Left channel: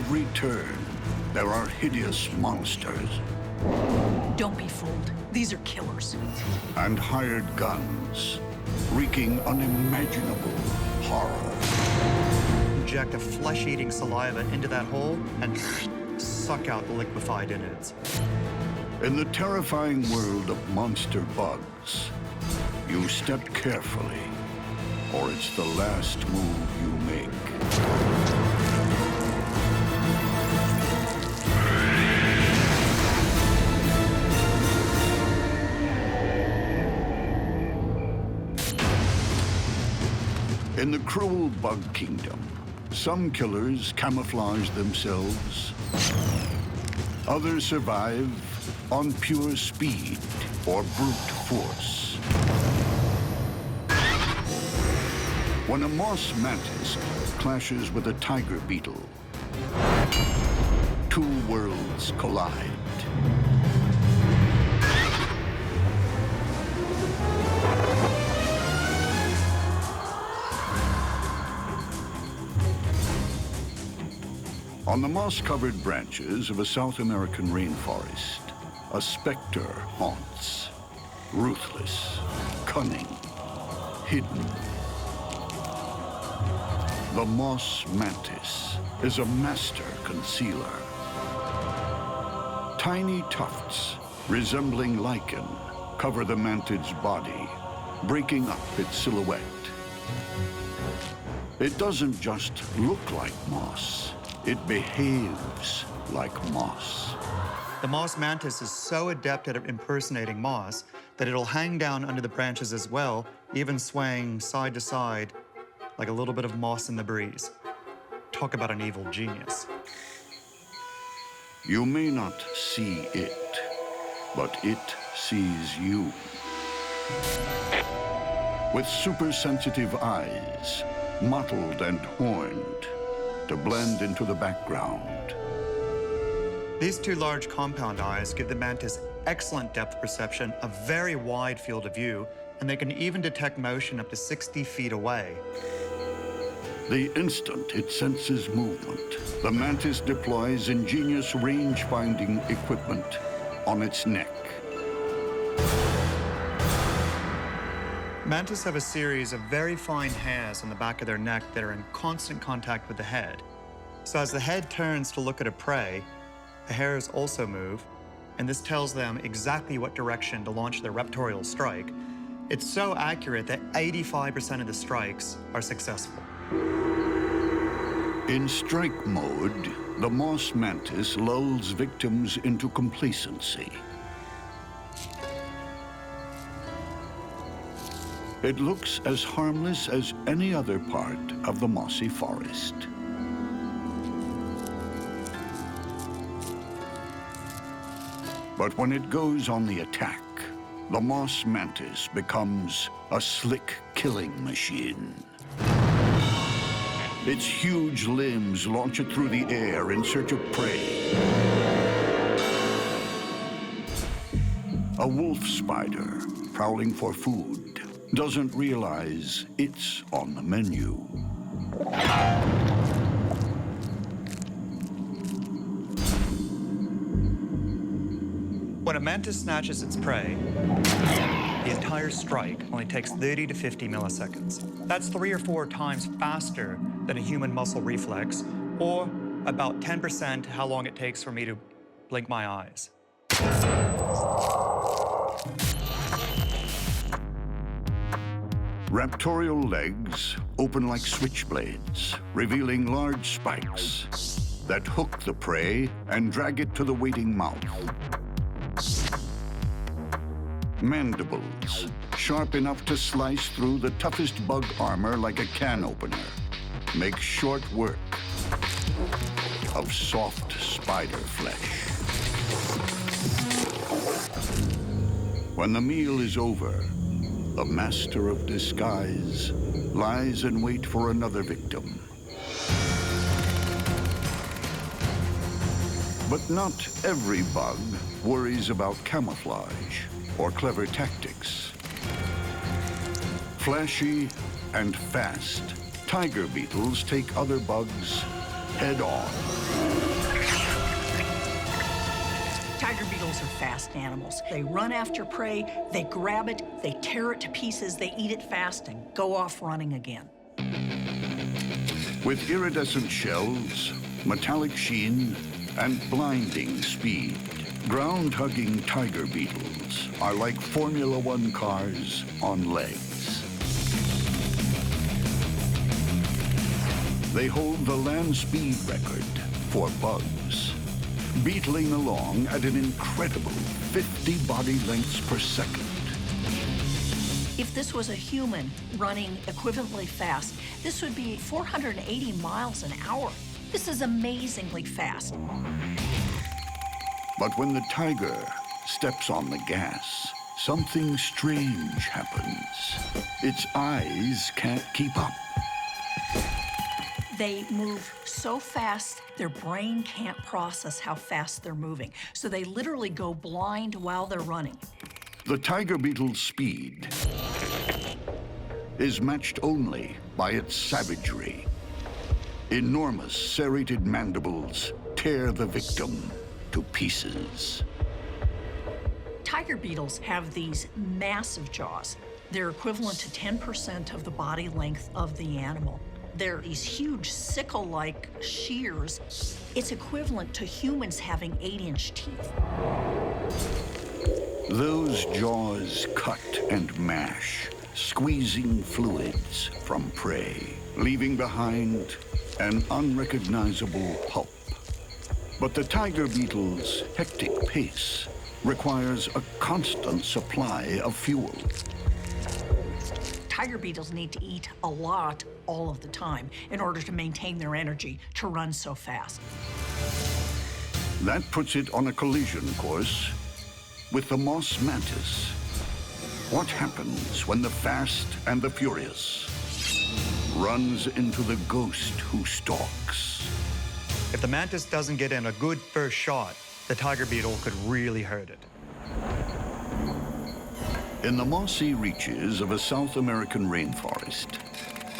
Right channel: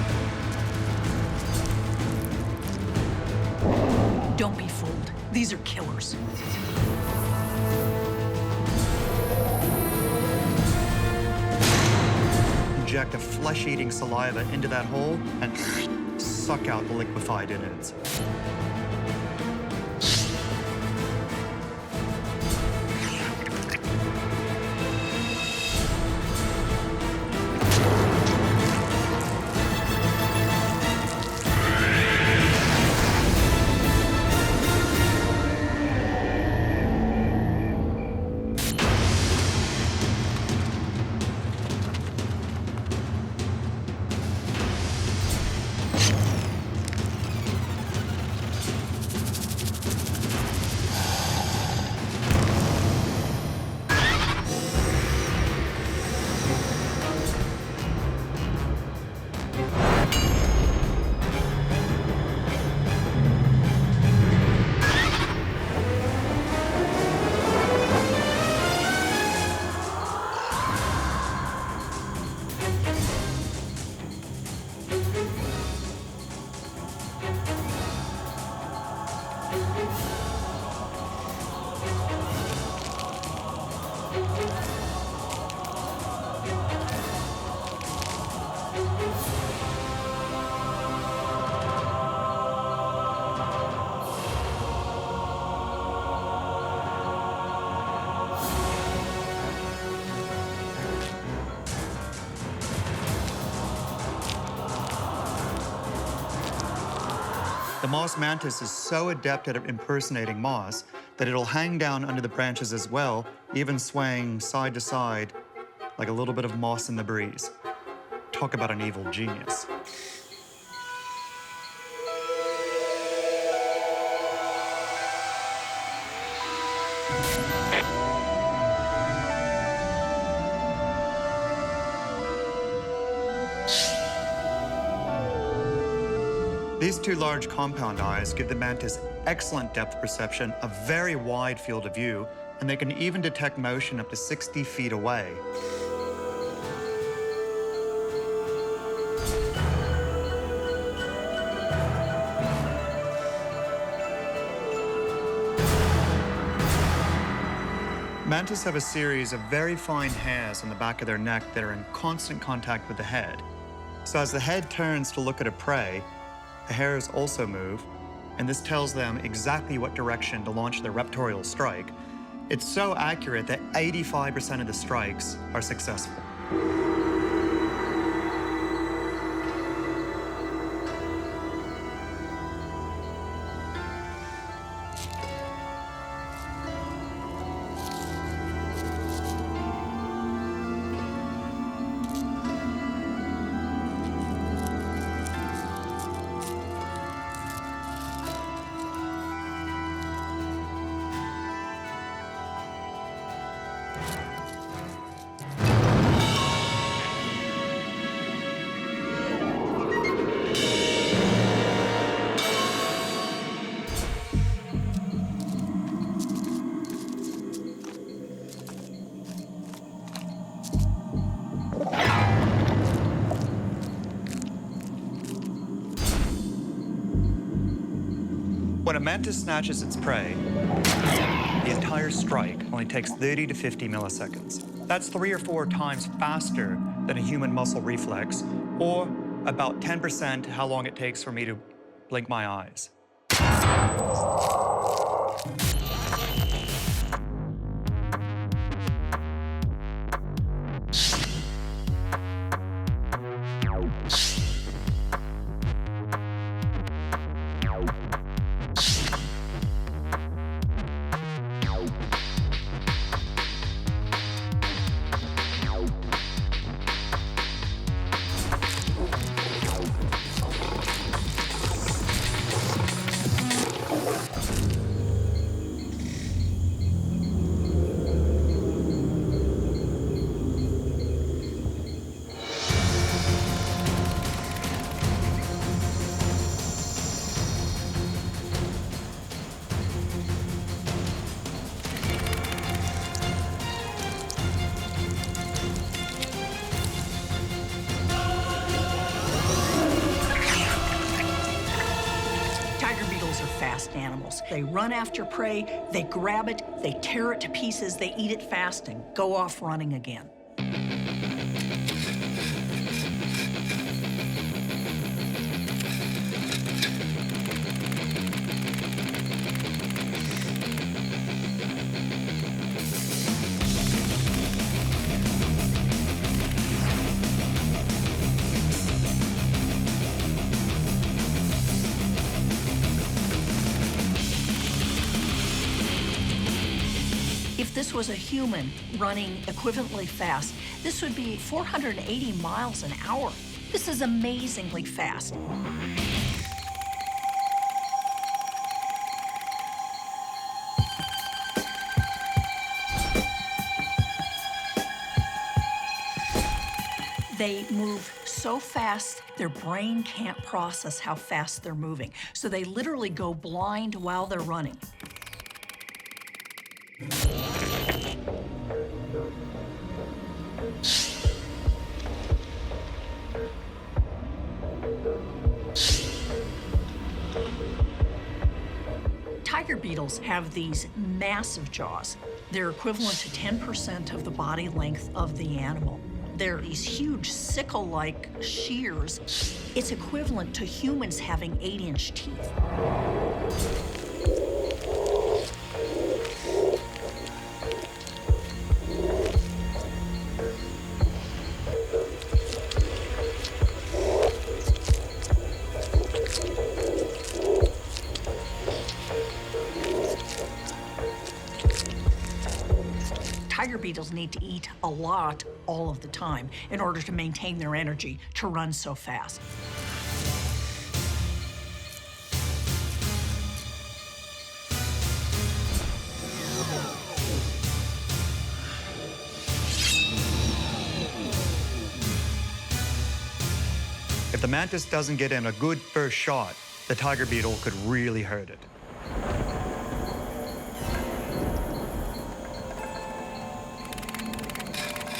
every turn, there are hideous monsters. Don't be fooled. These are killers. And hired guns, wreaking unimaginable horror. Inject a flesh-eating saliva into that hole and suck out the liquefied innards. In the terrifying world of monster bugs, you step carefully, or it's the last move you make. In the cruel bug kingdom, some killers camouflage themselves. Others survive on pure speed or brute force. When a moss mantis clashes with a tiger beetle, two worlds collide. On the moss-covered branches of a South American rainforest, a specter haunts, ruthless, cunning, hidden. The moss mantis is a master concealer. Tiny tufts, resembling lichen, cover the mantis' body, breaking up its silhouette. It doesn't just look like moss. It behaves like moss. The moss mantis is so adept at impersonating moss that it'll hang down under the branches as well, even swaying side to side like a little bit of moss in the breeze. Talk about an evil genius. You may not see it, but it sees you. With super-sensitive eyes, mottled and horned, to blend into the background. These two large compound eyes give the mantis excellent depth perception, a very wide field of view, and they can even detect motion up to 60 feet away. The instant it senses movement, the mantis deploys ingenious range-finding equipment on its neck. Mantis have a series of very fine hairs on the back of their neck that are in constant contact with the head. So as the head turns to look at a prey, the hairs also move, and this tells them exactly what direction to launch their raptorial strike. It's so accurate that 85% of the strikes are successful. In strike mode, the moss mantis lulls victims into complacency. It looks as harmless as any other part of the mossy forest. But when it goes on the attack, the moss mantis becomes a slick killing machine. Its huge limbs launch it through the air in search of prey. A wolf spider, prowling for food, doesn't realize it's on the menu. When a mantis snatches its prey, the entire strike only takes 30 to 50 milliseconds. That's 3 or 4 times faster than a human muscle reflex, or about 10% how long it takes for me to blink my eyes. Raptorial legs open like switchblades, revealing large spikes that hook the prey and drag it to the waiting mouth. Mandibles, sharp enough to slice through the toughest bug armor like a can opener, make short work of soft spider flesh. When the meal is over, the master of disguise lies in wait for another victim. But not every bug worries about camouflage or clever tactics. Flashy and fast, tiger beetles take other bugs head on. Tiger beetles are fast animals. They run after prey, they grab it, they tear it to pieces, they eat it fast and go off running again. With iridescent shells, metallic sheen, and blinding speed, ground-hugging tiger beetles are like Formula One cars on legs. They hold the land speed record for bugs, beetling along at an incredible 50 body lengths per second. If this was a human running equivalently fast, this would be 480 miles an hour. This is amazingly fast. But when the tiger steps on the gas, something strange happens. Its eyes can't keep up. They move so fast, their brain can't process how fast they're moving. So they literally go blind while they're running. The tiger beetle's speed is matched only by its savagery. Enormous serrated mandibles tear the victim to pieces. Tiger beetles have these massive jaws. They're equivalent to 10% of the body length of the animal. They're these huge sickle-like shears. It's equivalent to humans having 8-inch teeth. Those jaws cut and mash, squeezing fluids from prey, leaving behind an unrecognizable pulp. But the tiger beetle's hectic pace requires a constant supply of fuel. Tiger beetles need to eat a lot all of the time in order to maintain their energy to run so fast. That puts it on a collision course with the moss mantis. What happens when the fast and the furious runs into the ghost who stalks? If the mantis doesn't get in a good first shot, the tiger beetle could really hurt it. In the mossy reaches of a South American rainforest,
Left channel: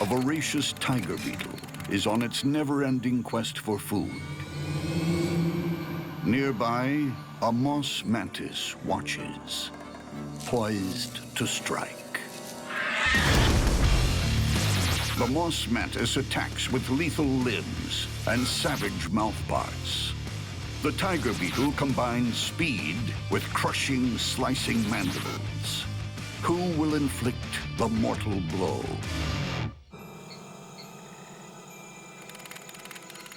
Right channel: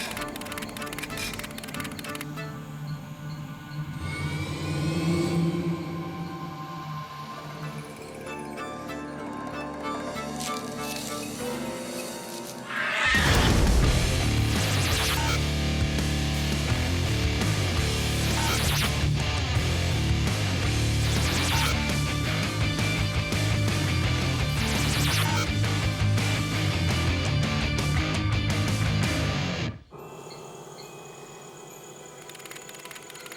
a voracious tiger beetle is on its never-ending quest for food. Nearby, a moss mantis watches, poised to strike. The moss mantis attacks with lethal limbs and savage mouthparts. The tiger beetle combines speed with crushing, slicing mandibles. Who will inflict the mortal blow?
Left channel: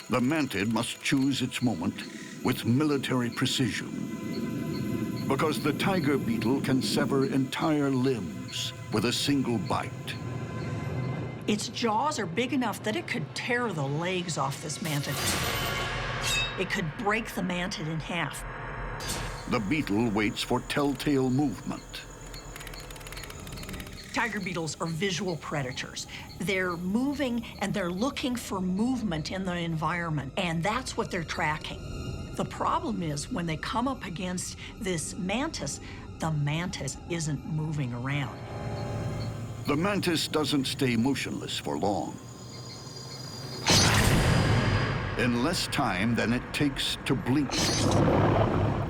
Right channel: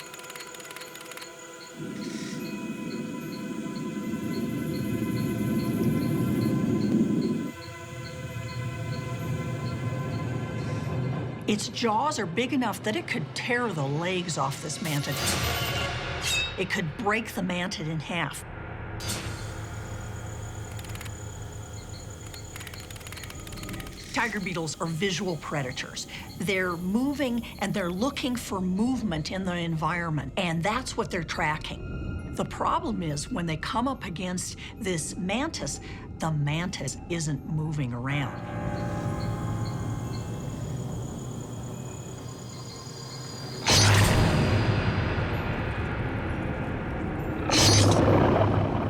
The mantid must choose its moment with military precision. Because the tiger beetle can sever entire limbs with a single bite. Its jaws are big enough that it could tear the legs off this mantid. It could break the mantid in half. The beetle waits for telltale movement. Tiger beetles are visual predators. They're moving and they're looking for movement in the environment, and that's what they're tracking. The problem is when they come up against this mantis, the mantis isn't moving around. The mantis doesn't stay motionless for long. In less time than it takes to blink,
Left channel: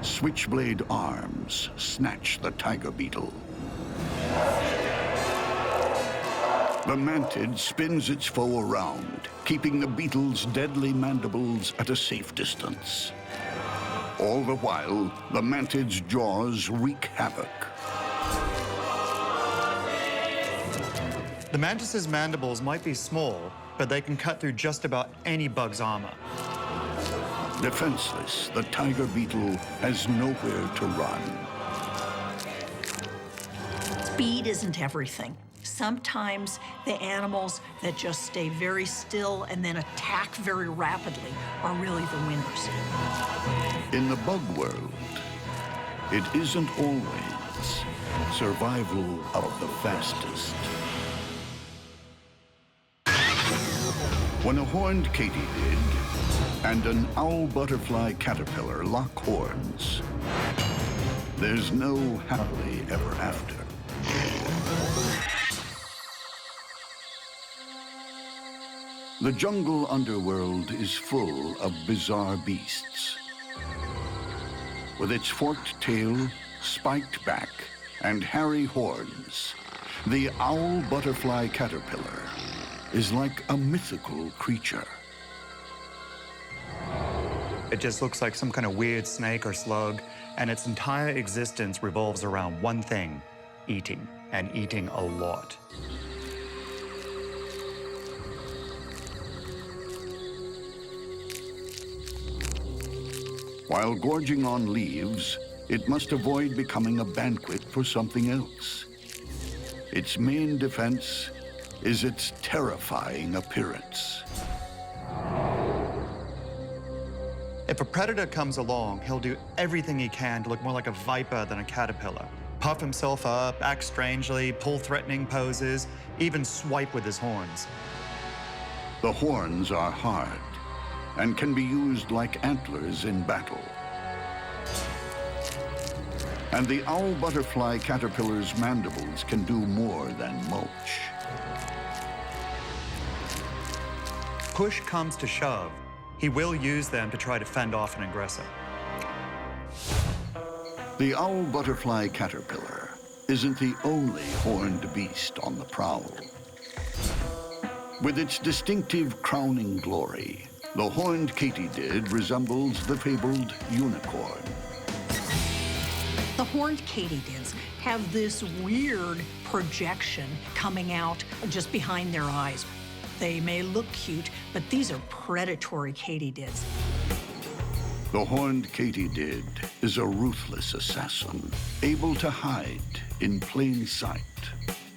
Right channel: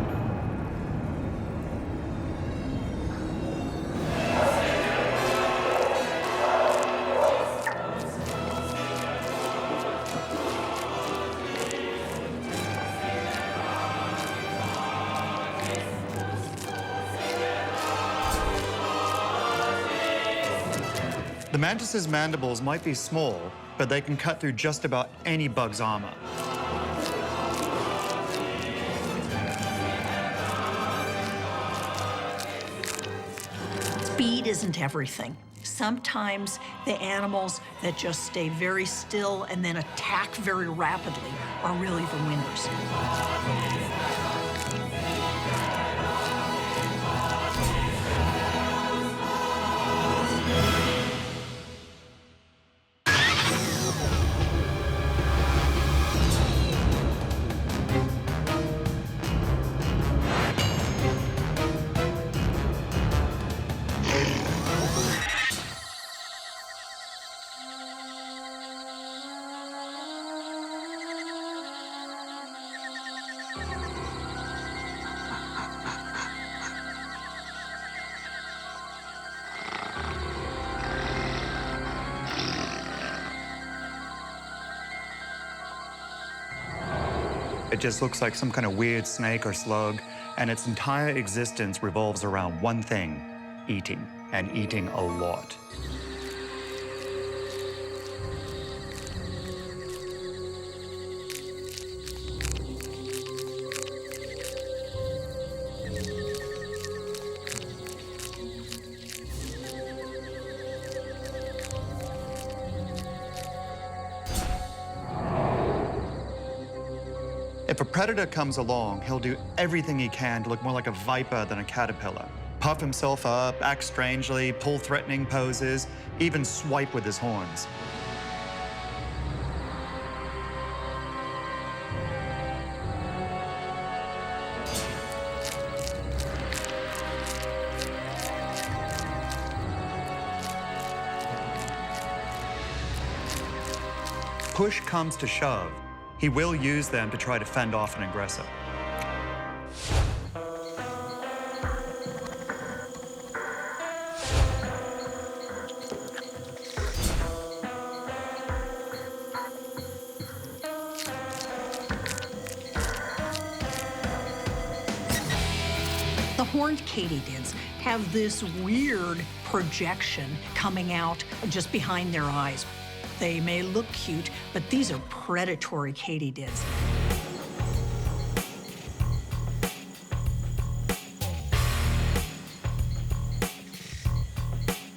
switchblade arms snatch the tiger beetle. The mantid spins its foe around, keeping the beetle's deadly mandibles at a safe distance. All the while, the mantid's jaws wreak havoc. The mantis's mandibles might be small, but they can cut through just about any bug's armor. Defenseless, the tiger beetle has nowhere to run. Speed isn't everything. Sometimes the animals that just stay very still and then attack very rapidly are really the winners. In the bug world, it isn't always survival of the fastest. When a horned Katy and an owl butterfly caterpillar lock horns, there's no happily ever after. The jungle underworld is full of bizarre beasts. With its forked tail, spiked back, and hairy horns, the owl butterfly caterpillar is like a mythical creature. It just looks like some kind of weird snake or slug, and its entire existence revolves around one thing: eating, and eating a lot. While gorging on leaves, it must avoid becoming a banquet for something else. Its main defense is its terrifying appearance. If a predator comes along, he'll do everything he can to look more like a viper than a caterpillar. Puff himself up, act strangely, pull threatening poses, even swipe with his horns. The horns are hard and can be used like antlers in battle. And the owl butterfly caterpillar's mandibles can do more than mulch. Push comes to shove, he will use them to try to fend off an aggressor. The owl butterfly caterpillar isn't the only horned beast on the prowl. With its distinctive crowning glory, the horned katydid resembles the fabled unicorn. The horned katydids have this weird projection coming out just behind their eyes. They may look cute, but these are predatory katydids. The horned katydid is a ruthless assassin, able to hide in plain sight.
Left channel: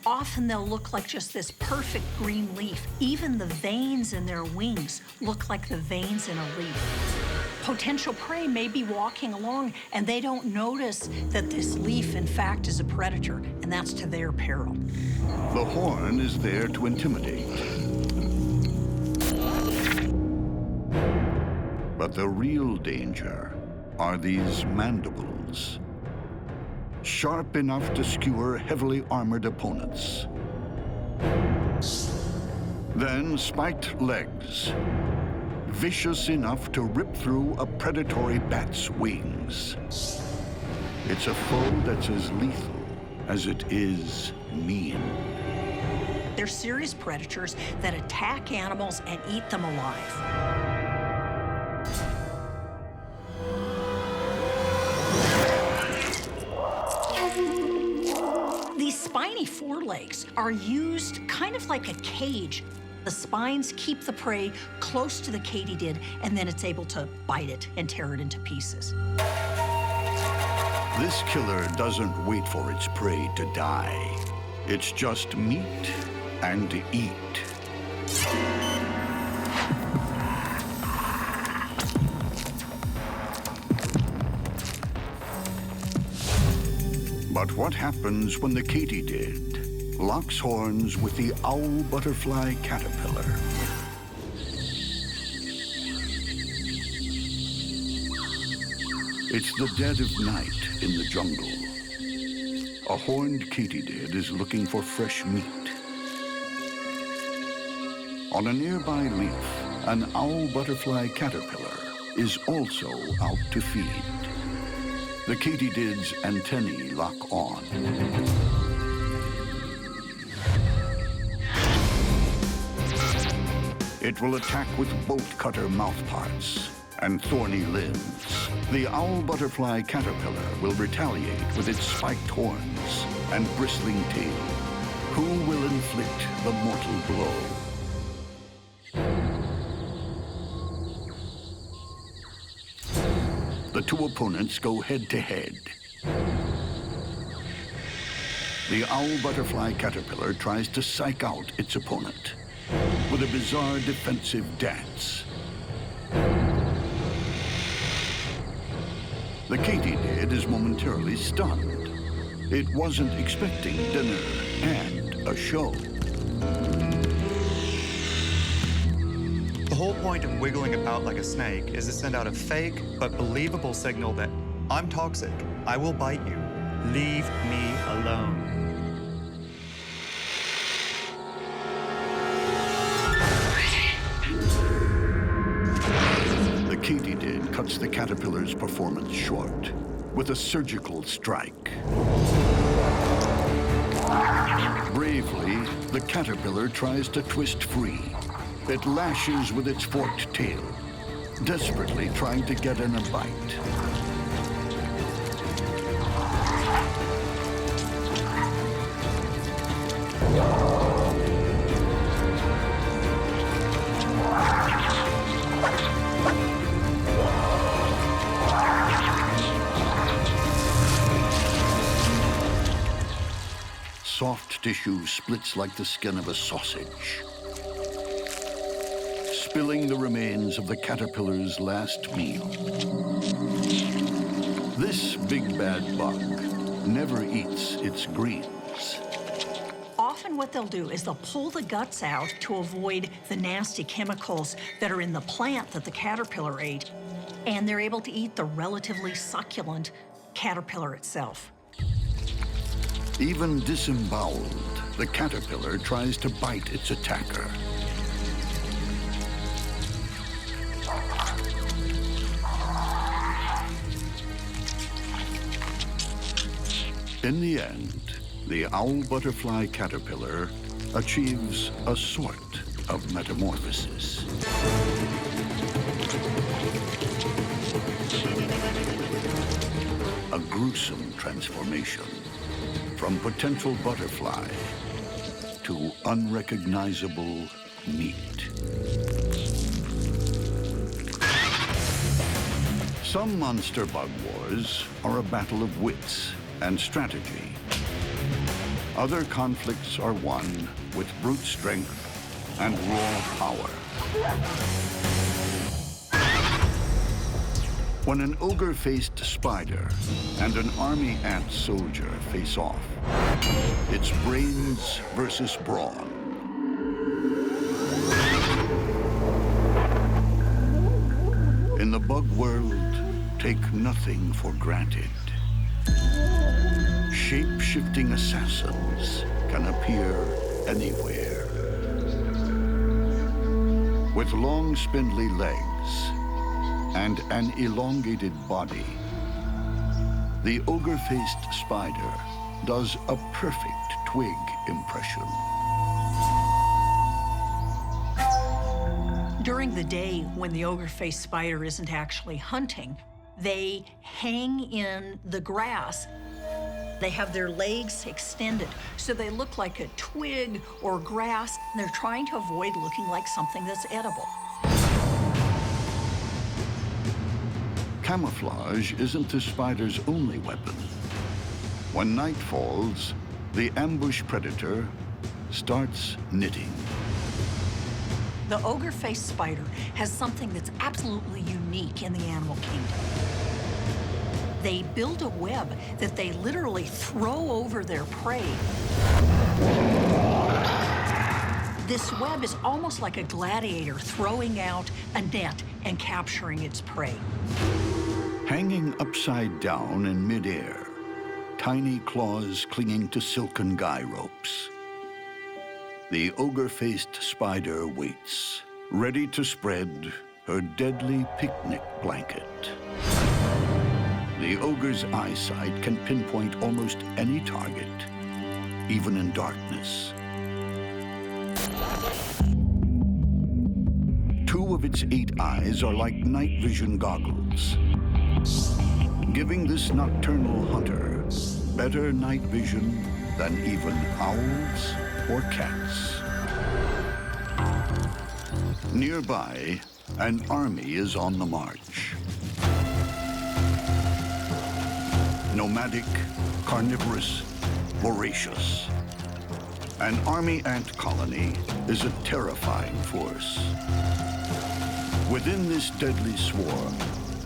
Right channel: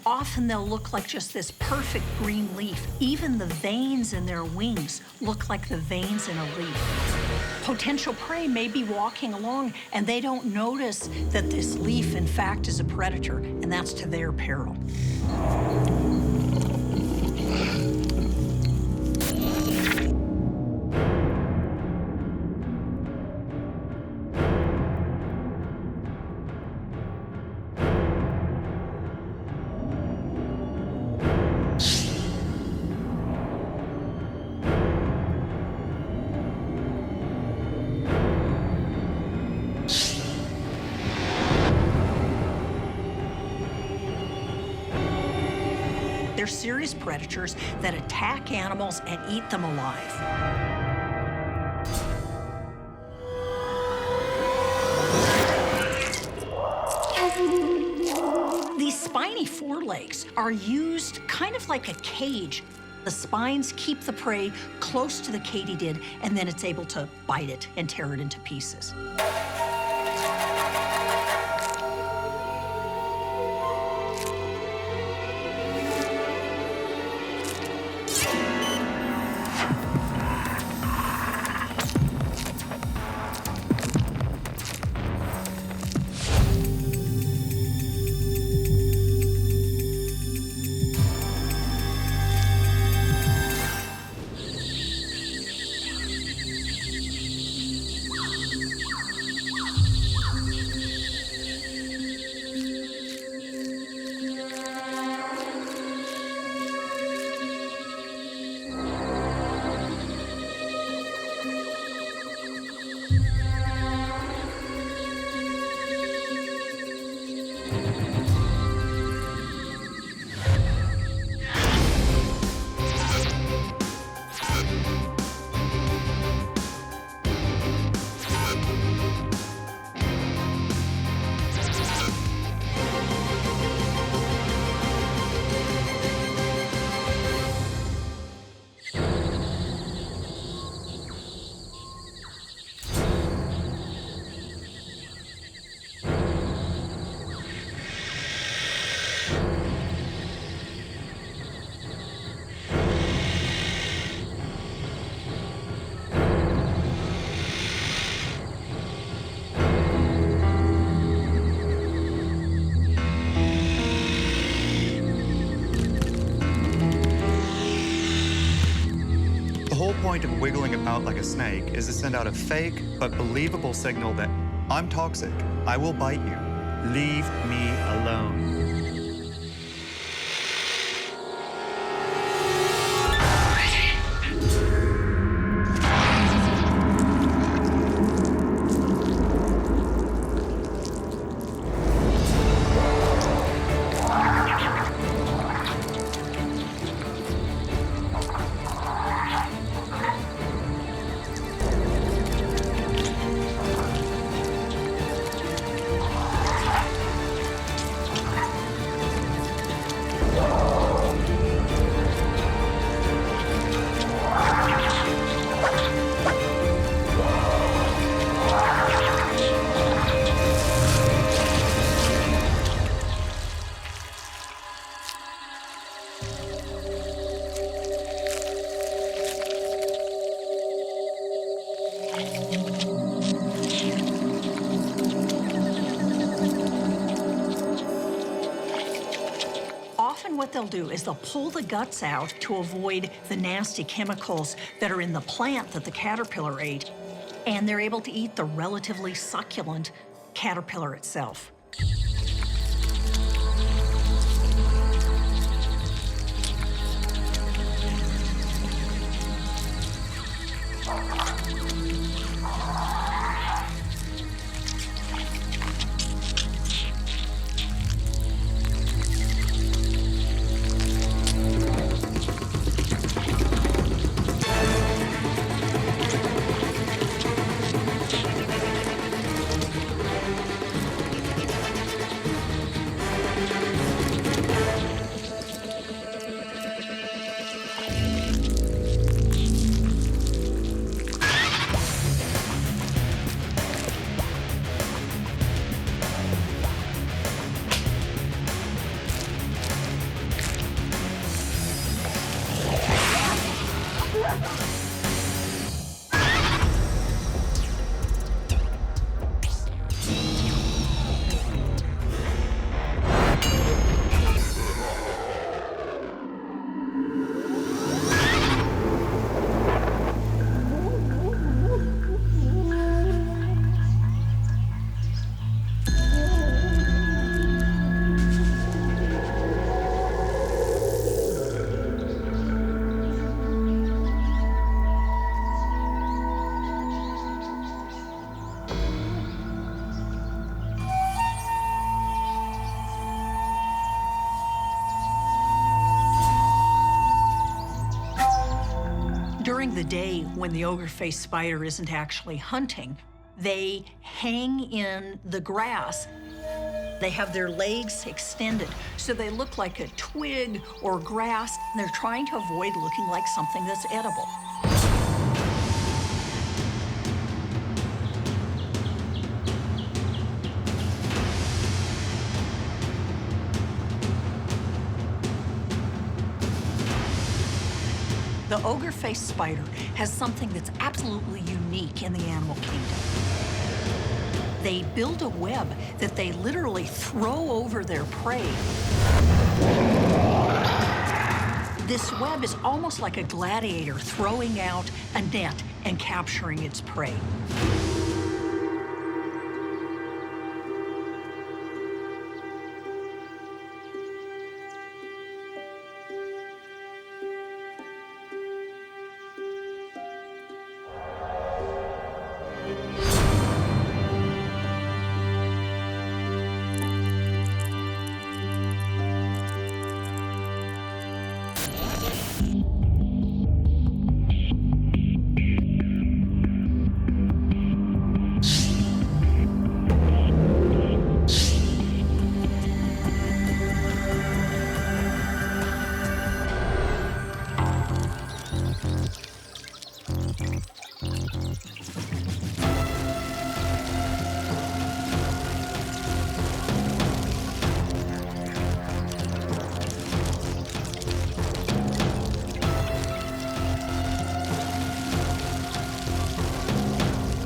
Often they'll look like just this perfect green leaf. Even the veins in their wings look like the veins in a leaf. Potential prey may be walking along and they don't notice that this leaf, in fact, is a predator, and that's to their peril. The horn is there to intimidate. But the real danger are these mandibles. Sharp enough to skewer heavily armored opponents. Then spiked legs, vicious enough to rip through a predatory bat's wings. It's a foe that's as lethal as it is mean. They're serious predators that attack animals and eat them alive. These spiny forelegs are used kind of like a cage. The spines keep the prey close to the katydid, and then it's able to bite it and tear it into pieces. This killer doesn't wait for its prey to die. It's just meat and eat. But what happens when the katydid locks horns with the owl butterfly caterpillar? It's the dead of night in the jungle. A horned katydid is looking for fresh meat. On a nearby leaf, an owl butterfly caterpillar is also out to feed. The katydid's antennae lock on. It will attack with bolt-cutter mouthparts and thorny limbs. The owl butterfly caterpillar will retaliate with its spiked horns and bristling tail. Who will inflict the mortal blow? The two opponents go head-to-head. The owl butterfly caterpillar tries to psych out its opponent with a bizarre defensive dance. The katydid is momentarily stunned. It wasn't expecting dinner and a show. The whole point of wiggling about like a snake is to send out a fake but believable signal that I'm toxic, I will bite you, leave me alone. to twist free, it lashes with its forked tail, desperately trying to get in a bite. Soft tissue splits like the skin of a sausage, spilling the remains of the caterpillar's last meal. This big bad bug never eats its greens. Often what they'll do is they'll pull the guts out to avoid the nasty chemicals that are in the plant that the caterpillar ate, and they're able to eat the relatively succulent caterpillar itself. Even disemboweled, the caterpillar tries to bite its attacker. In the end, the owl butterfly caterpillar achieves a sort of metamorphosis. A gruesome transformation from potential butterfly to unrecognizable meat. Some monster bug wars are a battle of wits and strategy. Other conflicts are won with brute strength and power. When an ogre-faced spider and an army ant soldier face off, it's brains versus brawn. In the bug world, take nothing for granted. Shape-shifting assassins can appear anywhere. With long, spindly legs and an elongated body, the ogre-faced spider does a perfect twig impression. During the day, when the ogre-faced spider isn't actually hunting, they hang in the grass. They have their legs extended, so they look like a twig or grass, and they're trying to avoid looking like something that's edible. Camouflage isn't the spider's only weapon. When night falls, the ambush predator starts knitting. The ogre-faced spider has something that's absolutely unique in the animal kingdom. They build a web that they literally throw over their prey. This web is almost like a gladiator throwing out a net and capturing its prey. Hanging upside down in midair, tiny claws clinging to silken guy ropes. The ogre-faced spider waits, ready to spread her deadly picnic blanket. The ogre's eyesight can pinpoint almost any target, even in darkness. 2 of its 8 eyes are like night vision goggles, giving this nocturnal hunter better night vision than even owls or cats. Nearby, an army is on the march. Nomadic, carnivorous, voracious. An army ant colony is a terrifying force. Within this deadly swarm,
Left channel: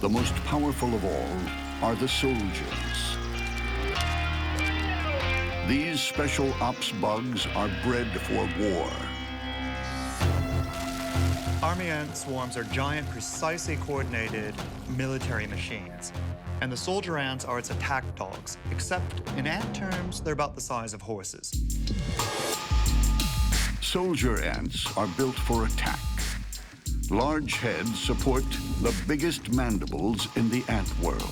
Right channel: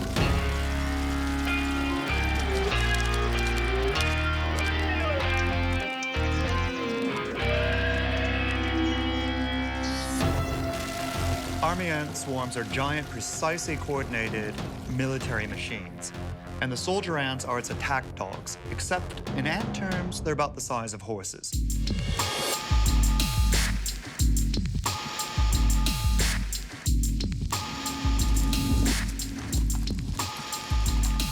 the most powerful of all are the soldiers. These special ops bugs are bred for war. Army ant swarms are giant, precisely coordinated military machines. And the soldier ants are its attack dogs, except in ant terms, they're about the size of horses. Soldier ants are built for attack. Large heads support the biggest mandibles in the ant world.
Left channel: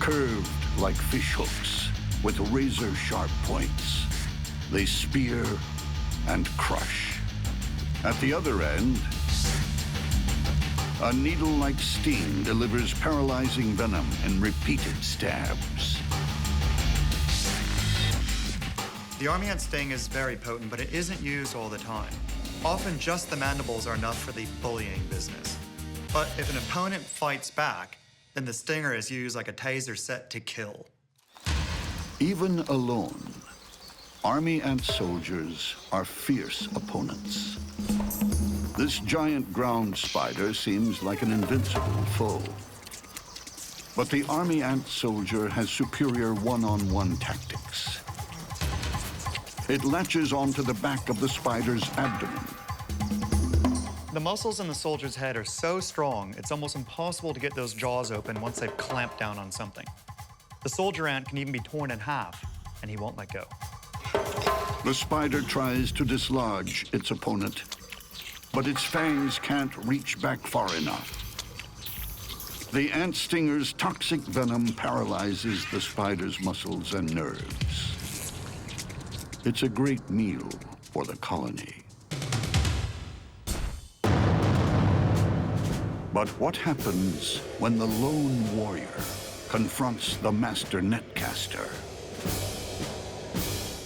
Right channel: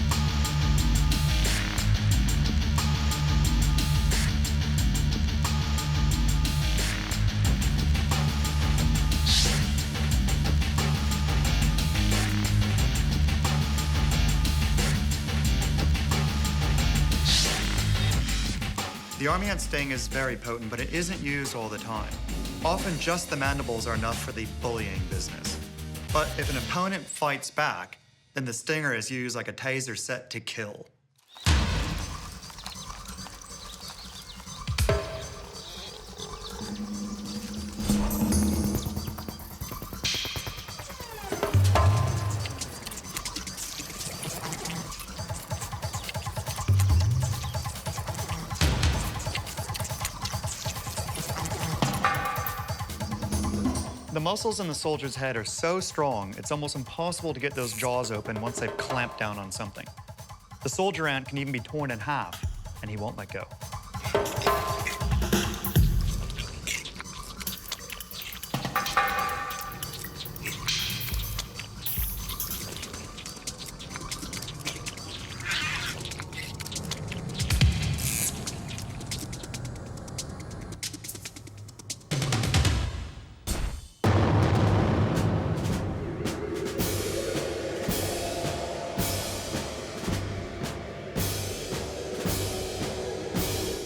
Curved like fish hooks, with razor-sharp points. They spear and crush. At the other end, a needle-like sting delivers paralyzing venom and repeated stabs. The army ant sting is very potent, but it isn't used all the time. Often just the mandibles are enough for the bullying business. But if an opponent fights back, then the stinger is used like a taser set to kill. Even alone, army ant soldiers are fierce opponents. This giant ground spider seems like an invincible foe. But the army ant soldier has superior one-on-one tactics. It latches onto the back of the spider's abdomen. The muscles in the soldier's head are so strong, it's almost impossible to get those jaws open once they've clamped down on something. The soldier ant can even be torn in half, and he won't let go. The spider tries to dislodge its opponent, but its fangs can't reach back far enough. The ant stinger's toxic venom paralyzes the spider's muscles and nerves. It's a great meal for the colony. But what happens when the lone warrior confronts the master netcaster?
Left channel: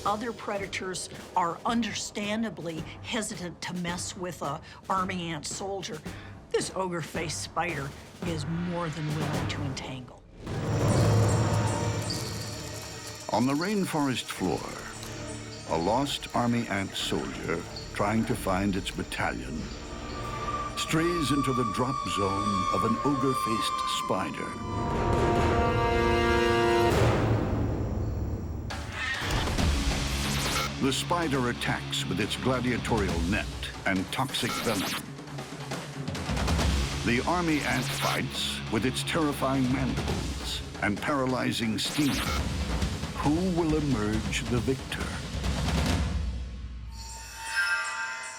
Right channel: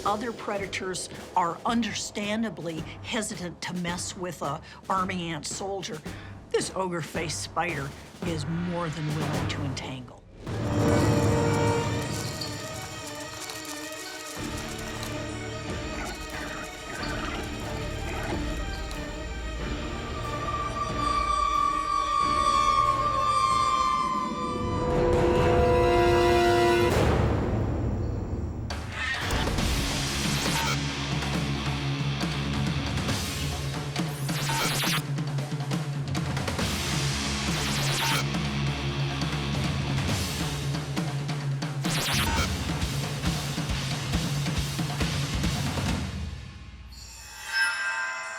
Other predators are understandably hesitant to mess with a army ant soldier. This ogre-faced spider is more than willing to entangle. On the rainforest floor, a lost army ant soldier trying to find its battalion strays into the drop zone of an ogre-faced spider. The spider attacks with its gladiatorial net and toxic venom. The army ant fights with its terrifying mandibles and paralyzing sting. Who will emerge the victor?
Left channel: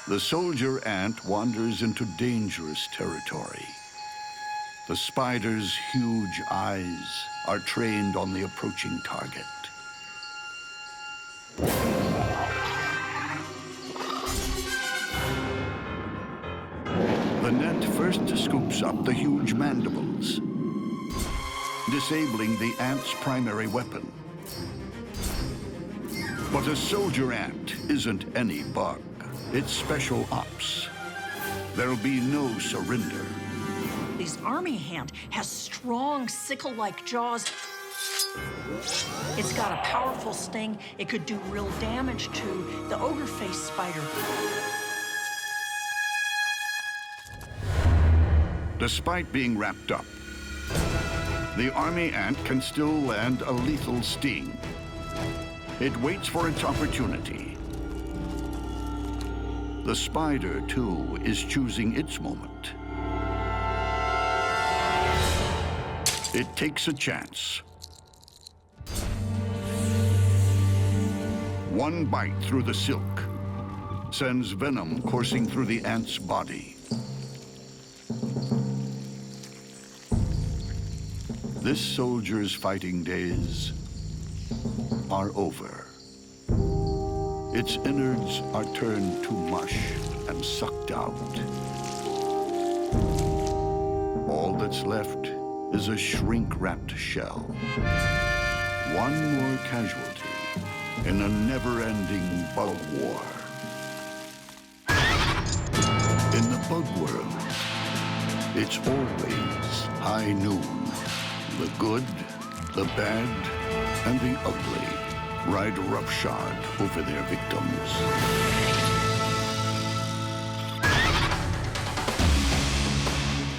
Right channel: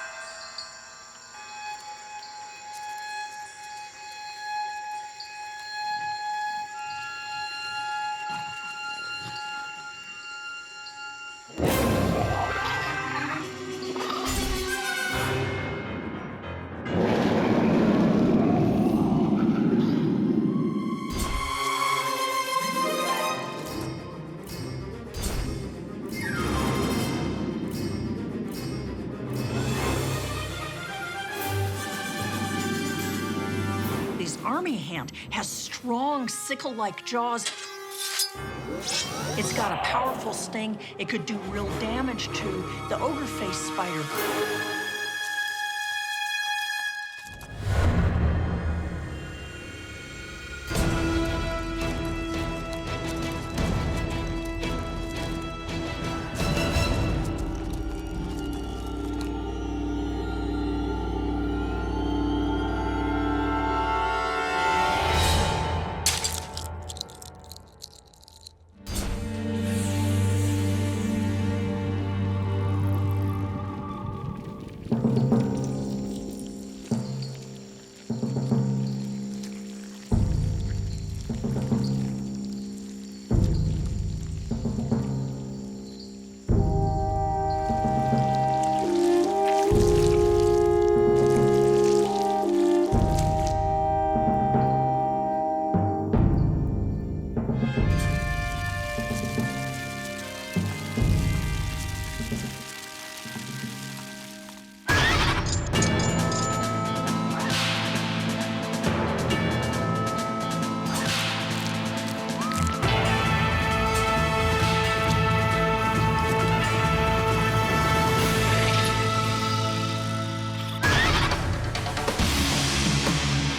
The soldier ant wanders into dangerous territory. The spider's huge eyes are trained on the approaching target. The net first scoops up the huge mandibles, disabling the ant's primary weapon. But a soldier ant isn't any bug. It's special ops. There'll be no surrender. This army ant has strong sickle-like jaws. It's got a powerful sting. It could do real damage to the ogre-faced spider. Despite being wrapped up, the army ant can still land a lethal sting. It waits for its opportunity. The spider, too, is choosing its moment. It takes a chance. One bite through the silk sends venom coursing through the ant's body. This soldier's fighting days are over. Its innards are turned to mush and sucked out. All that's left is a shrink-wrapped shell. One more casualty in a never-ending bug war. In the bug world, it's always high noon. The good, the bad, and the ugly ride roughshod over their victims.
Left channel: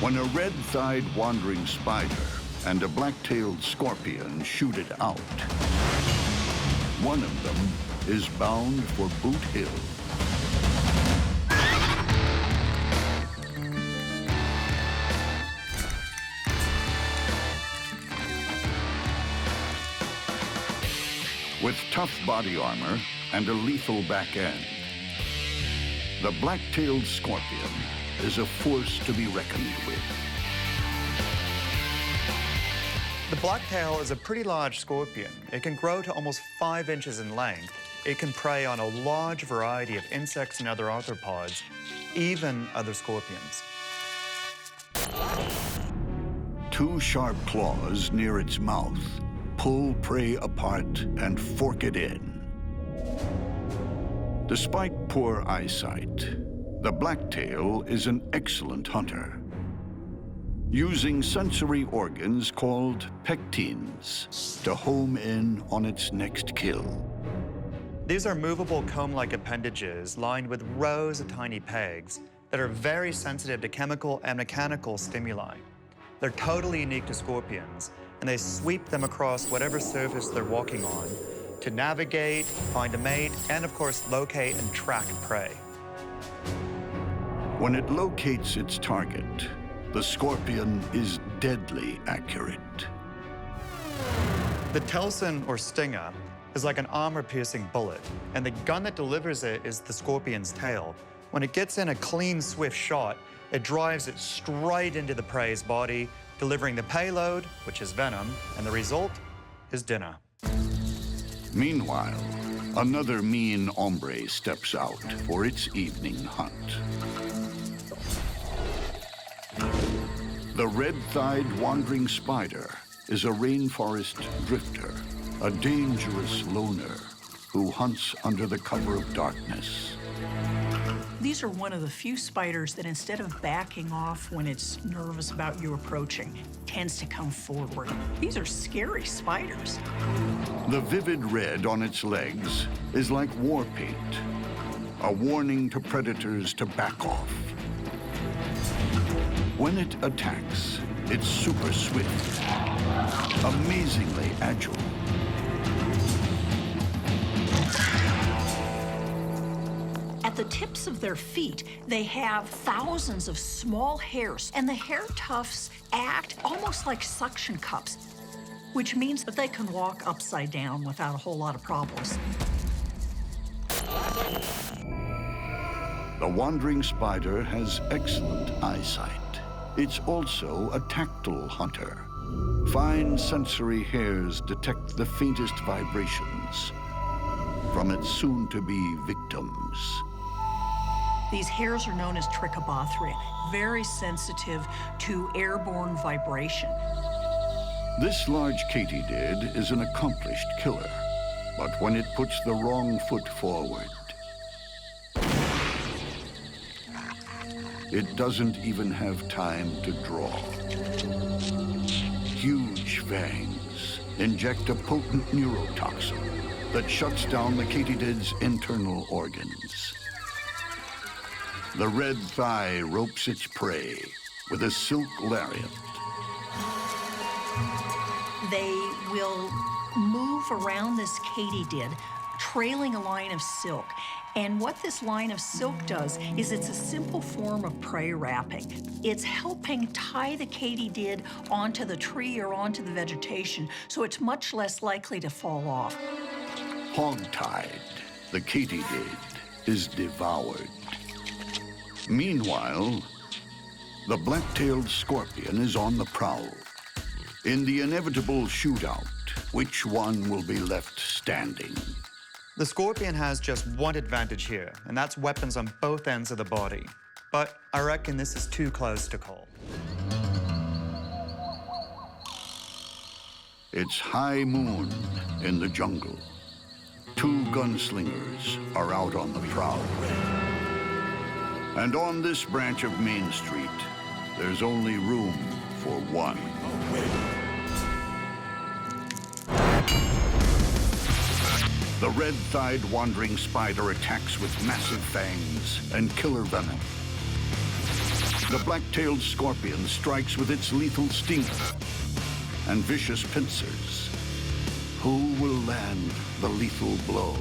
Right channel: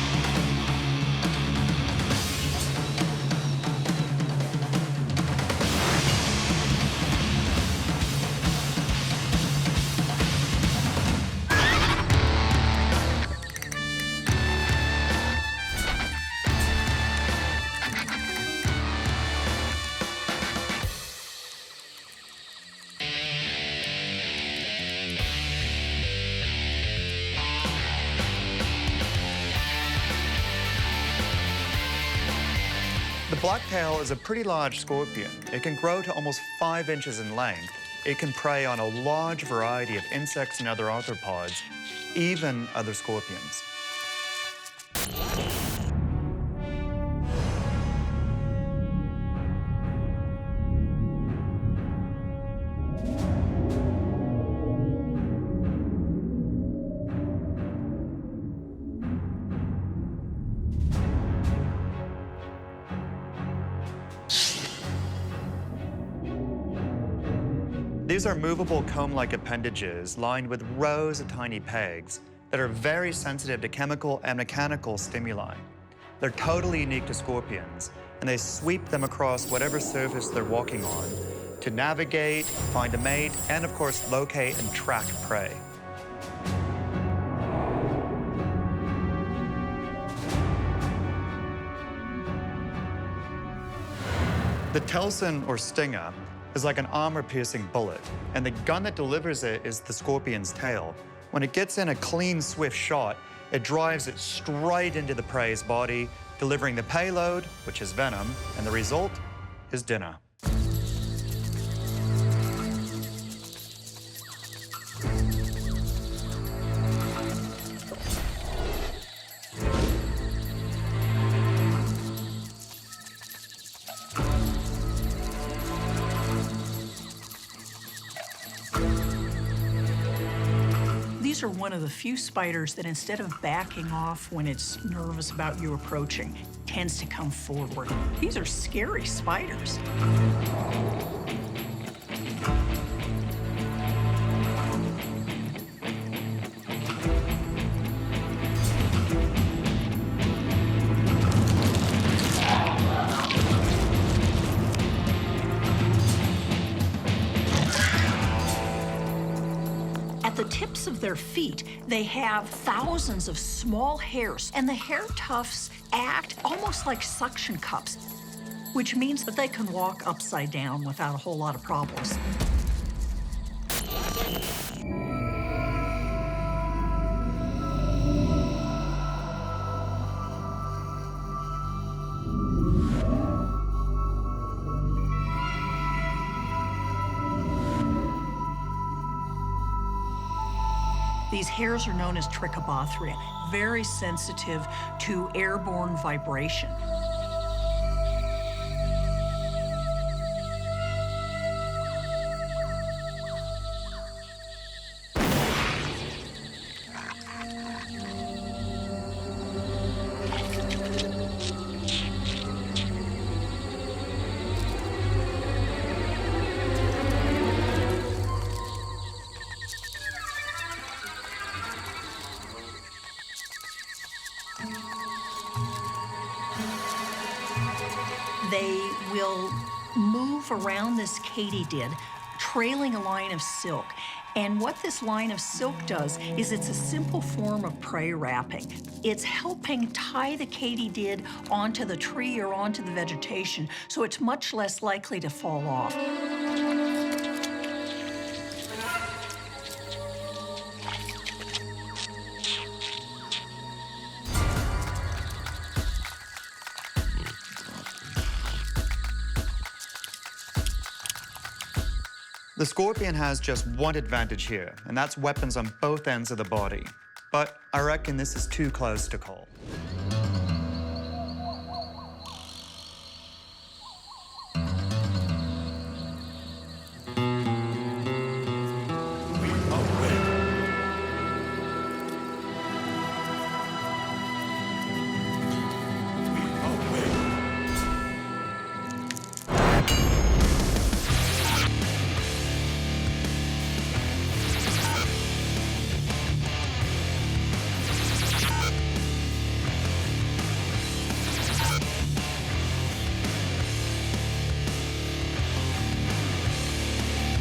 When a red-thighed wandering spider and a black-tailed scorpion shoot it out, one of them is bound for Boot Hill. With tough body armor and a lethal back end, the black-tailed scorpion is a force to be reckoned with. The blacktail is a pretty large scorpion. It can grow to almost 5 inches in length. It can prey on a large variety of insects and other arthropods, even other scorpions. 2 sharp claws near its mouth pull prey apart and fork it in. Despite poor eyesight, the blacktail is an excellent hunter, using sensory organs called pectines to home in on its next kill. These are movable comb-like appendages lined with rows of tiny pegs that are very sensitive to chemical and mechanical stimuli. They're totally unique to scorpions, and they sweep them across whatever surface they're walking on to navigate, find a mate, and of course, locate and track prey. When it locates its target, the scorpion is deadly accurate. The telson, or stinger, is like an armor-piercing bullet, and the gun that delivers it is the scorpion's tail. When it gets in a clean, swift shot, it drives it straight into the prey's body, delivering the payload, which is venom, and the result is dinner. Meanwhile, another mean hombre steps out for its evening hunt. The red-thighed wandering spider is a rainforest drifter, a dangerous loner who hunts under the cover of darkness. These are one of the few spiders that instead of backing off when it's nervous about you approaching, tends to come forward. These are scary spiders. The vivid red on its legs is like war paint, a warning to predators to back off. When it attacks, it's super swift, amazingly agile. At the tips of their feet, they have thousands of small hairs, and the hair tufts act almost like suction cups, which means that they can walk upside down without a whole lot of problems. The wandering spider has excellent eyesight. It's also a tactile hunter. Fine sensory hairs detect the faintest vibrations from its soon-to-be victims. These hairs are known as trichobothria, very sensitive to airborne vibration. This large katydid is an accomplished killer, but when it puts the wrong foot forward, it doesn't even have time to draw. Huge fangs inject a potent neurotoxin that shuts down the katydid's internal organs. The red thigh ropes its prey with a silk lariat. They will move around this katydid, trailing a line of silk. And what this line of silk does is it's a simple form of prey wrapping. It's helping tie the katydid onto the tree or onto the vegetation, so it's much less likely to fall off. Hog-tied, the katydid is devoured. Meanwhile, the black-tailed scorpion is on the prowl. In the inevitable shootout, which one will be left standing? The scorpion has just one advantage here, and that's weapons on both ends of the body. But I reckon this is too close to call. It's high moon in the jungle. 2 gunslingers are out on the prowl. And on this branch of Main Street, there's only room for one. The red-thighed wandering spider attacks with massive fangs and killer venom. The black-tailed scorpion strikes with its lethal stinger and vicious pincers. Who will land the lethal blow?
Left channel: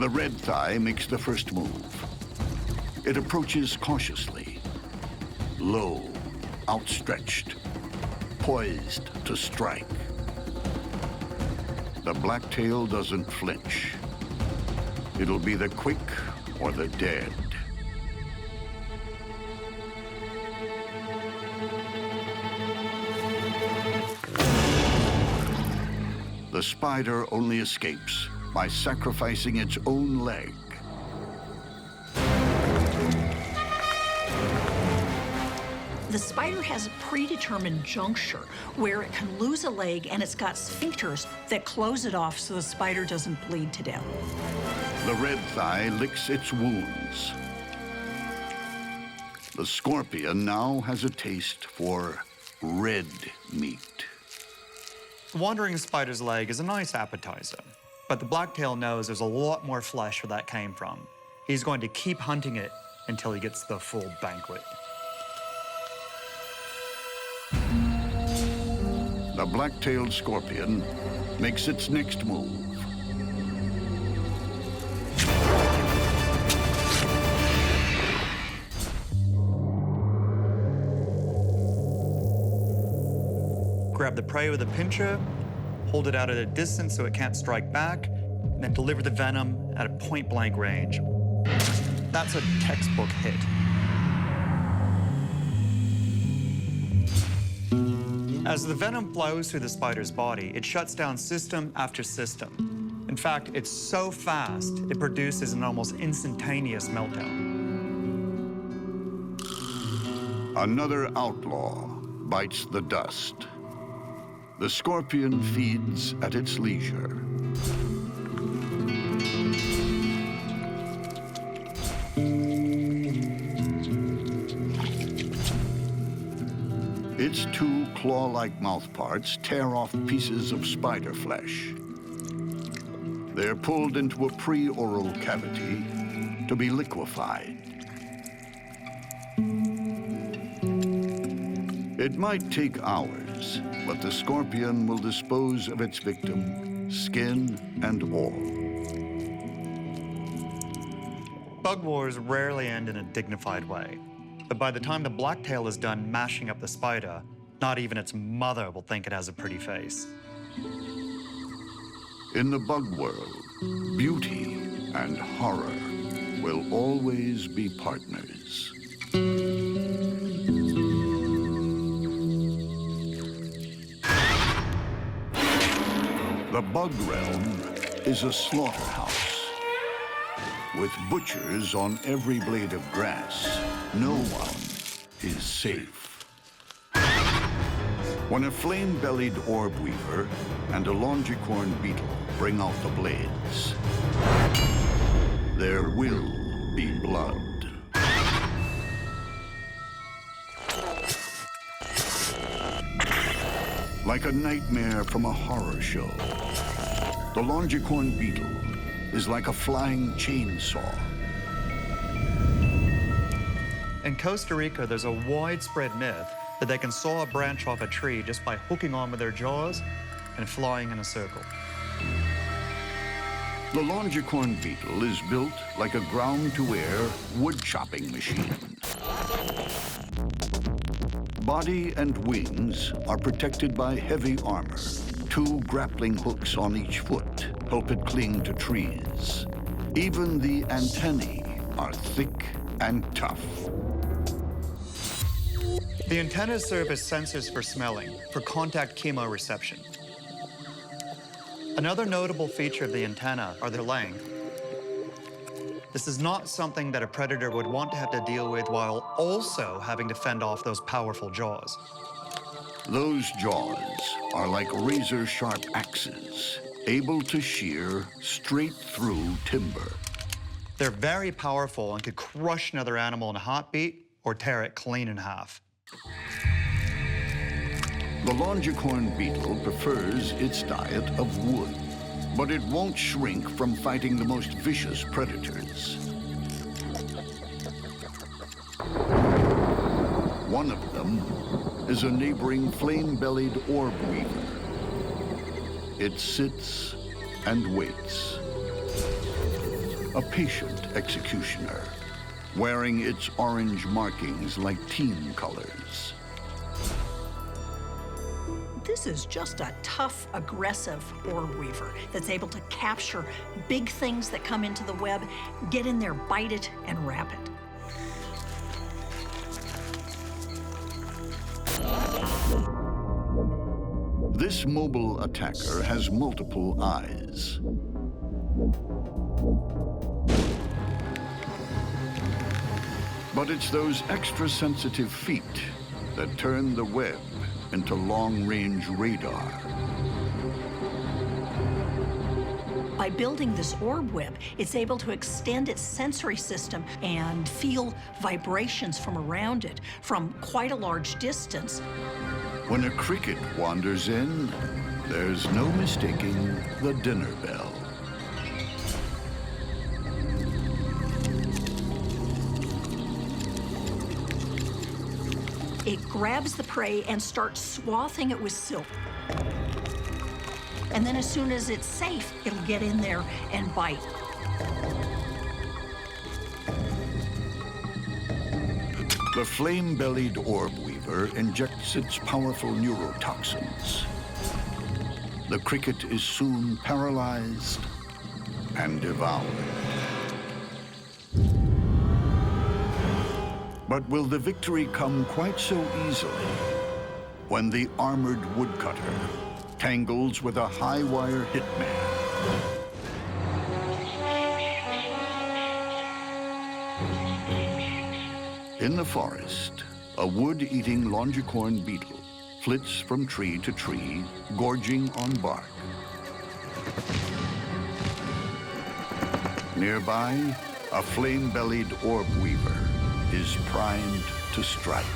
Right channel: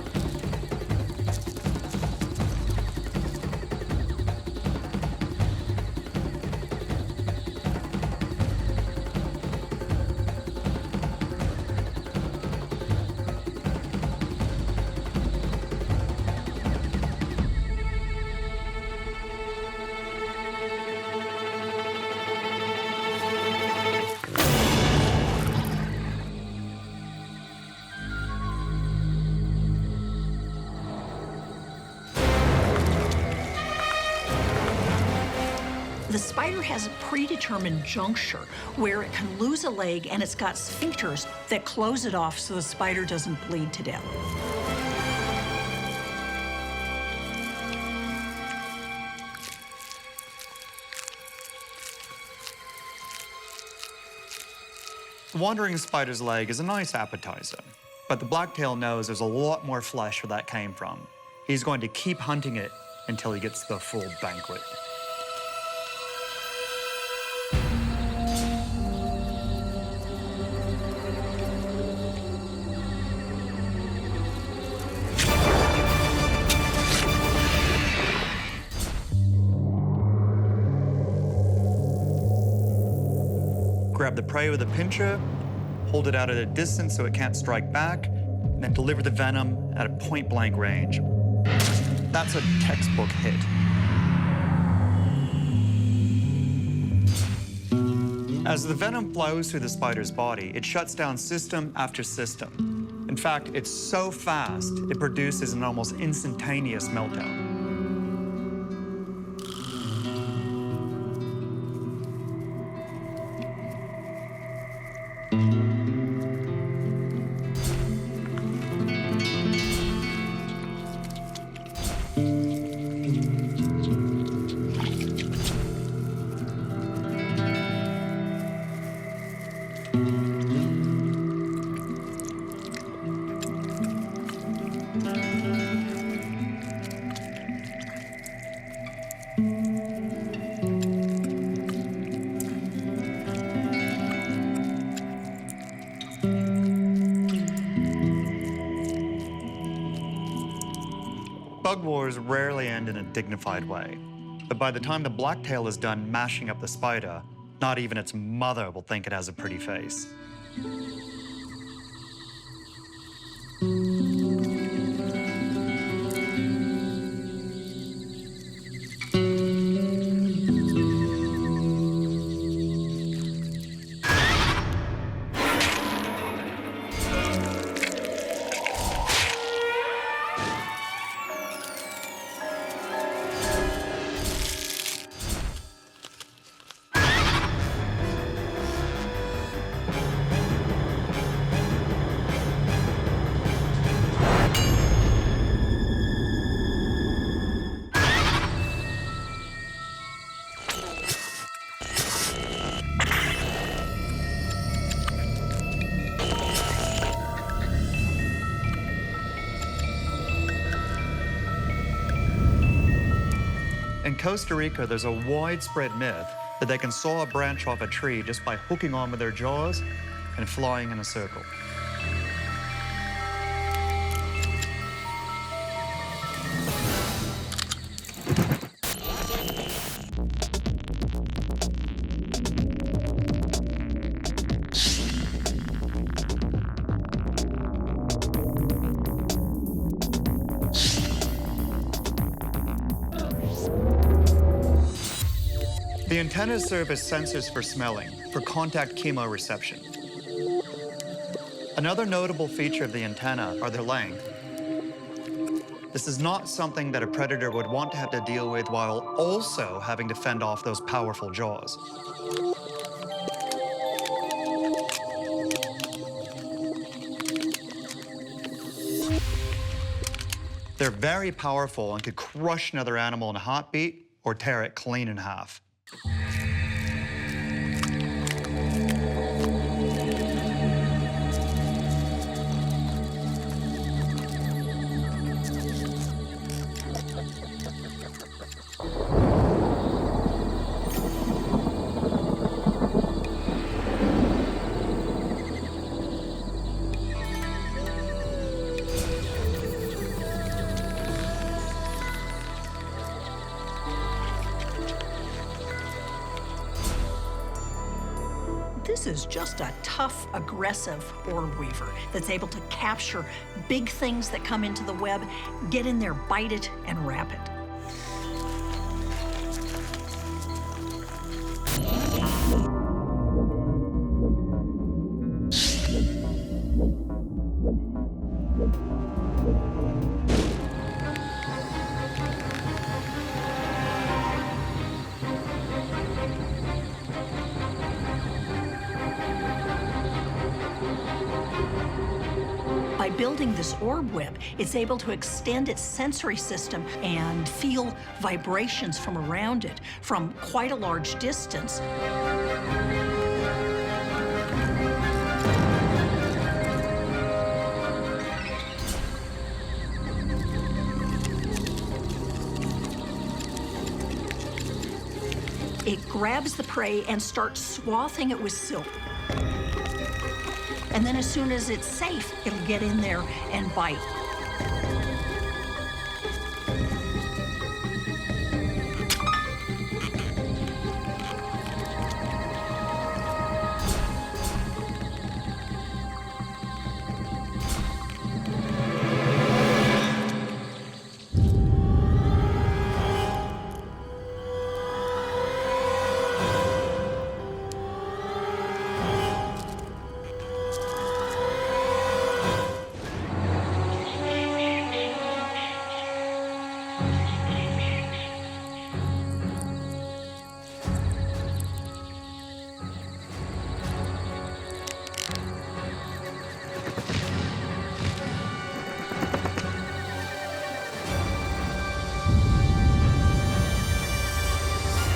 The red thigh makes the first move. It approaches cautiously, low, outstretched, poised to strike. The blacktail doesn't flinch. It'll be the quick or the dead. spider only escapes by sacrificing its own leg. The spider has a predetermined juncture where it can lose a leg, and it's got sphincters that close it off so the spider doesn't bleed to death. The red fly licks its wounds. The scorpion now has a taste for red meat. The wandering spider's leg is a nice appetizer, but the blacktail knows there's a lot more flesh where that came from. He's going to keep hunting it until he gets the full banquet. The black-tailed scorpion makes its next move. Grab the prey with a pincher, hold it out at a distance so it can't strike back, and then deliver the venom at a point-blank range. That's a textbook hit. As the venom flows through the spider's body, it shuts down system after system. In fact, it's so fast, it produces an almost instantaneous meltdown. Another outlaw bites the dust. The scorpion feeds at its leisure. Its two claw-like mouthparts tear off pieces of spider flesh. They're pulled into a pre-oral cavity to be liquefied. It might take hours, but the scorpion will dispose of its victim, skin and all. Bug Wars rarely end in a dignified way, but by the time the blacktail is done mashing up the spider, not even its mother will think it has a pretty face. In the bug world, beauty and horror will always be partners. The bug world is a slaughterhouse. With butchers on every blade of grass, no one is safe. When a flame-bellied orb weaver and a longicorn beetle bring out the blades, there will be blood. Like a nightmare from a horror show, the longicorn beetle is like a flying chainsaw. In Costa Rica, there's a widespread myth that they can saw a branch off a tree just by hooking on with their jaws and flying in a circle. The longicorn beetle is built like a ground-to-air wood chopping machine. Body and wings are protected by heavy armor. Two grappling hooks on each foot help it cling to trees. Even the antennae are thick and tough. The antennas serve as sensors for smelling, for contact chemoreception. Another notable feature of the antenna are their length. This is not something that a predator would want to have to deal with while also having to fend off those powerful jaws. Those jaws are like razor-sharp axes, able to shear straight through timber. They're very powerful and could crush another animal in a heartbeat or tear it clean in half. The longicorn beetle prefers its diet of wood, but it won't shrink from fighting the most vicious predators. One of them is a neighboring flame-bellied orb beetle. It sits and waits. A patient executioner, wearing its orange markings like team colors. This is just a tough, aggressive orb weaver that's able to capture big things that come into the web, get in there, bite it, and wrap it. This mobile attacker has multiple eyes. But it's those extra sensitive feet that turn the web into long-range radar. By building this orb web, it's able to extend its sensory system and feel vibrations from around it from quite a large distance. When a cricket wanders in, there's no mistaking the dinner bell. It grabs the prey and starts swathing it with silk. And then as soon as it's safe, it'll get in there and bite. The flame-bellied orb weaver injects its powerful neurotoxins. The cricket is soon paralyzed and devoured. But will the victory come quite so easily when the armored woodcutter tangles with a high-wire hitman? In the forest, a wood-eating longicorn beetle flits from tree to tree, gorging on bark. Nearby, a flame-bellied orb weaver is primed to strike.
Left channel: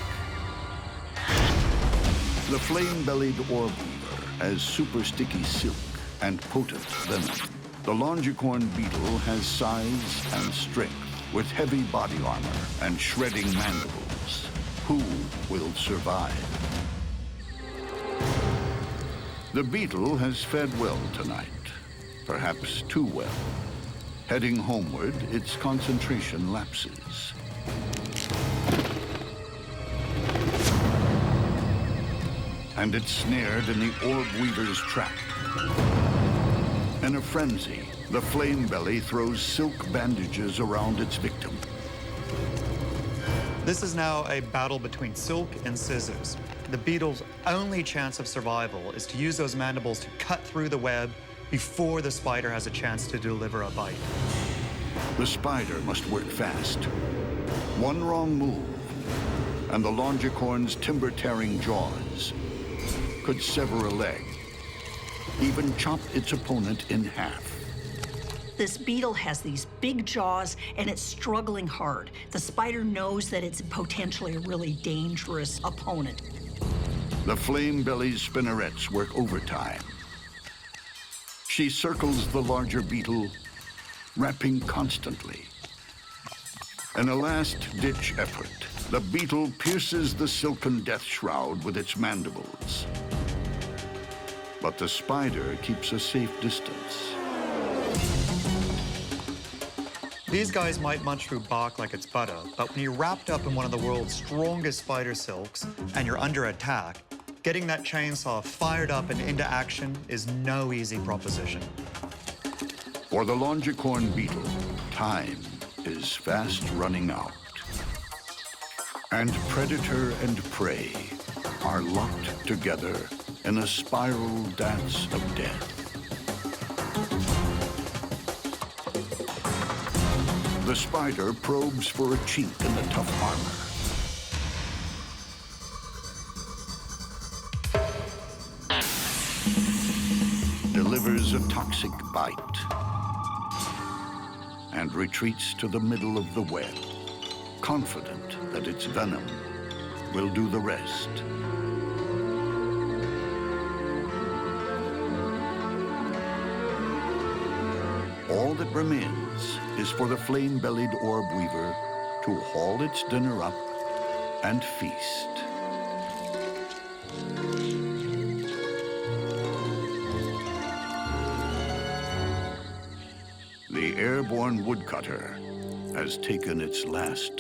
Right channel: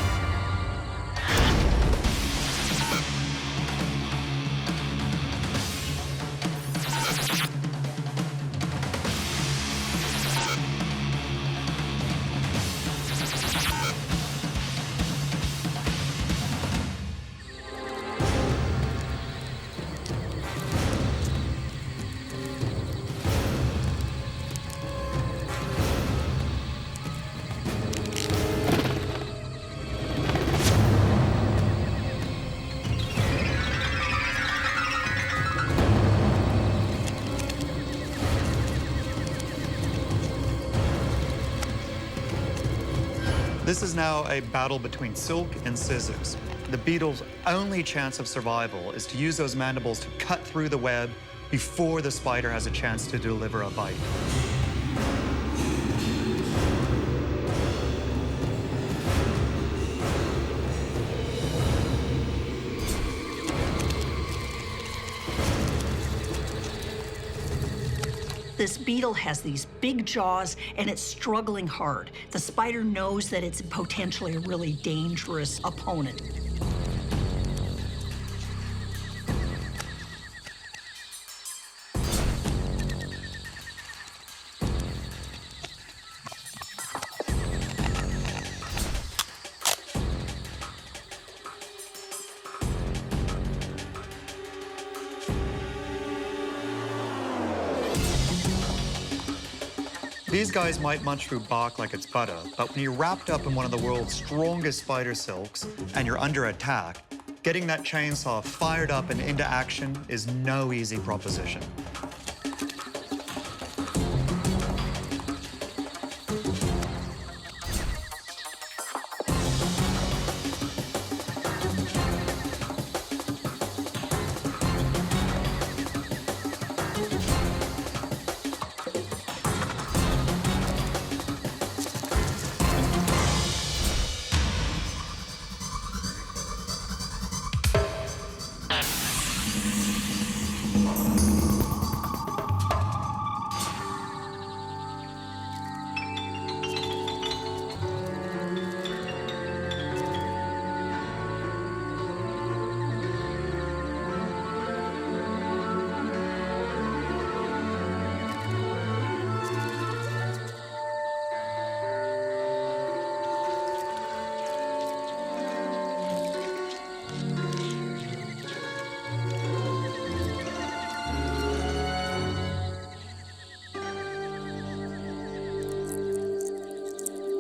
The flame-bellied orb weaver has super sticky silk and potent venom. The longicorn beetle has size and strength with heavy body armor and shredding mandibles. Who will survive? The beetle has fed well tonight, perhaps too well. Heading homeward, its concentration lapses. And it's snared in the orb weaver's trap. In a frenzy, the flame belly throws silk bandages around its victim. This is now a battle between silk and scissors. The beetle's only chance of survival is to use those mandibles to cut through the web before the spider has a chance to deliver a bite. The spider must work fast. One wrong move, and the longicorn's timber-tearing jaws could sever a leg, even chop its opponent in half. This beetle has these big jaws, and it's struggling hard. The spider knows that it's potentially a really dangerous opponent. The flame-bellied spinnerets work overtime. She circles the larger beetle, rapping constantly. In a last-ditch effort, the beetle pierces the silken death shroud with its mandibles. But the spider keeps a safe distance. These guys might munch through bark like it's butter, but when you're wrapped up in one of the world's strongest spider silks and you're under attack, getting that chainsaw fired up and into action is no easy proposition. For the longicorn beetle, time is fast running out. And predator and prey are locked together in a spiral dance of death. The spider probes for a cheat to fly. Delivers a toxic bite and retreats to the middle of the web, confident that its venom will do the rest. All that remains is for the flame-bellied orb weaver to haul its dinner up and feast. The airborne woodcutter has taken its last